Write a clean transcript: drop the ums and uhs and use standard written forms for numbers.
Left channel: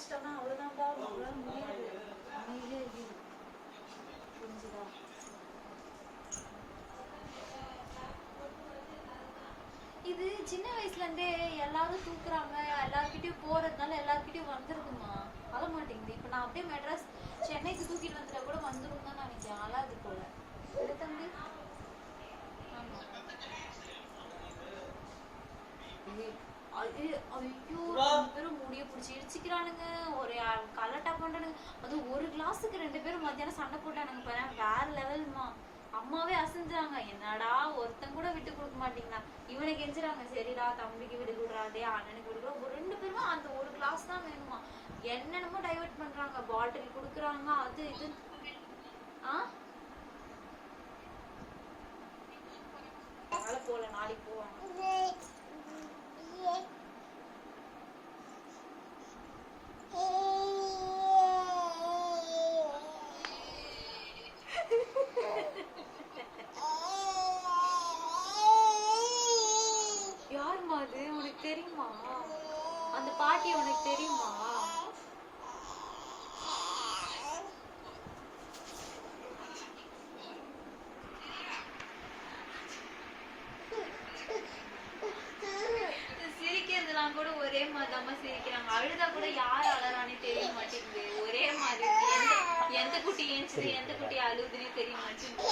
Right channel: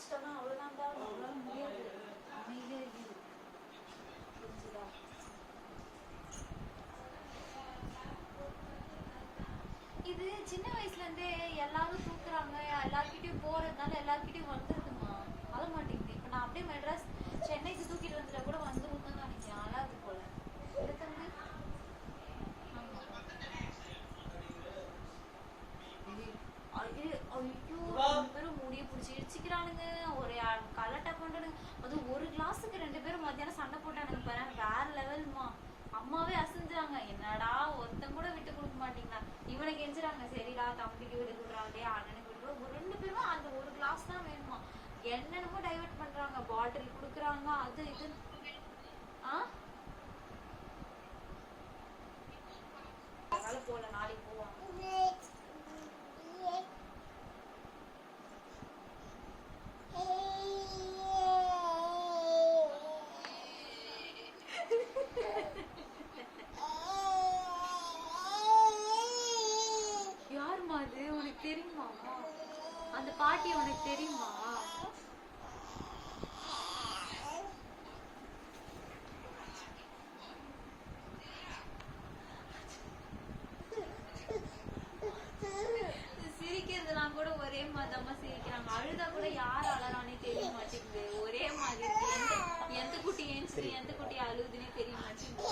வச்சுட்டோம்னா அவ்வளவுதான்டா, நம்மளால முடியாது. அமைதியா இருக்குது. புரிஞ்சுதா? இது சின்ன வயசுல இருந்தே எல்லாரும் தூக்குறாங்க, எல்லார்கிட்டயும் போறதுனால எல்லார்கிட்டயும் வந்துருதுமா. அழ மாட்டேங்குது. இப்ப நான் அப்படியே மெட்ராஸ் சென்னைக்கு தூக்கிட்டு வந்துட்டா கூட வந்துரும் தான் நினைக்கிறேன். அழாது போல. தம்பி ஆமா. ஐயோ பேரும் முடிய பிடிச்சி இடிச்சுக்கிறானுங்க, ஒரு கலட்டா பண்றானுங்க. அது ஒரு கிளாஸுக்கு 2 பேரும் மத்தியானம் சண்டை போட்டானுங்க பாரு, வேற லெவல்மா. அம்மாவே அசந்துறாங்க, என்னடா ஒருத்தன் கூட விட்டு கொடுக்க மாட்டீங்களா. இவனை கெஞ்சுறாங்க, சரிடா தம்பிக்கு விட்டு கொடுறா, டே அண்ணனுக்கு விட்டு கொடுறா. 2 பேருமே அந்த ஒரு கிளாஸ் தான் வேணுமா. என்னென்னமோ டைவர்ட் பண்றாங்க, பாட்டில் குடுக்குறாங்க, அது இது. அதனால போல, நாளைக்கு போவாங்க. யாருமா அது, உனக்கு தெரியுமா? அந்த பாட்டி உனக்கு தெரியுமா? சிரிக்கிறதுலாம் கூட ஒரே மாதிரிதாம்மா சிரிக்கிறாங்க. அழுதா கூட யார் அழறானே தெரிய மாட்டேங்குது. ஒரே மாதிரி எந்த குட்டி ஏஞ்சுது, எந்த குட்டி அழுதுன்னே தெரிய மாட்டேங்குது.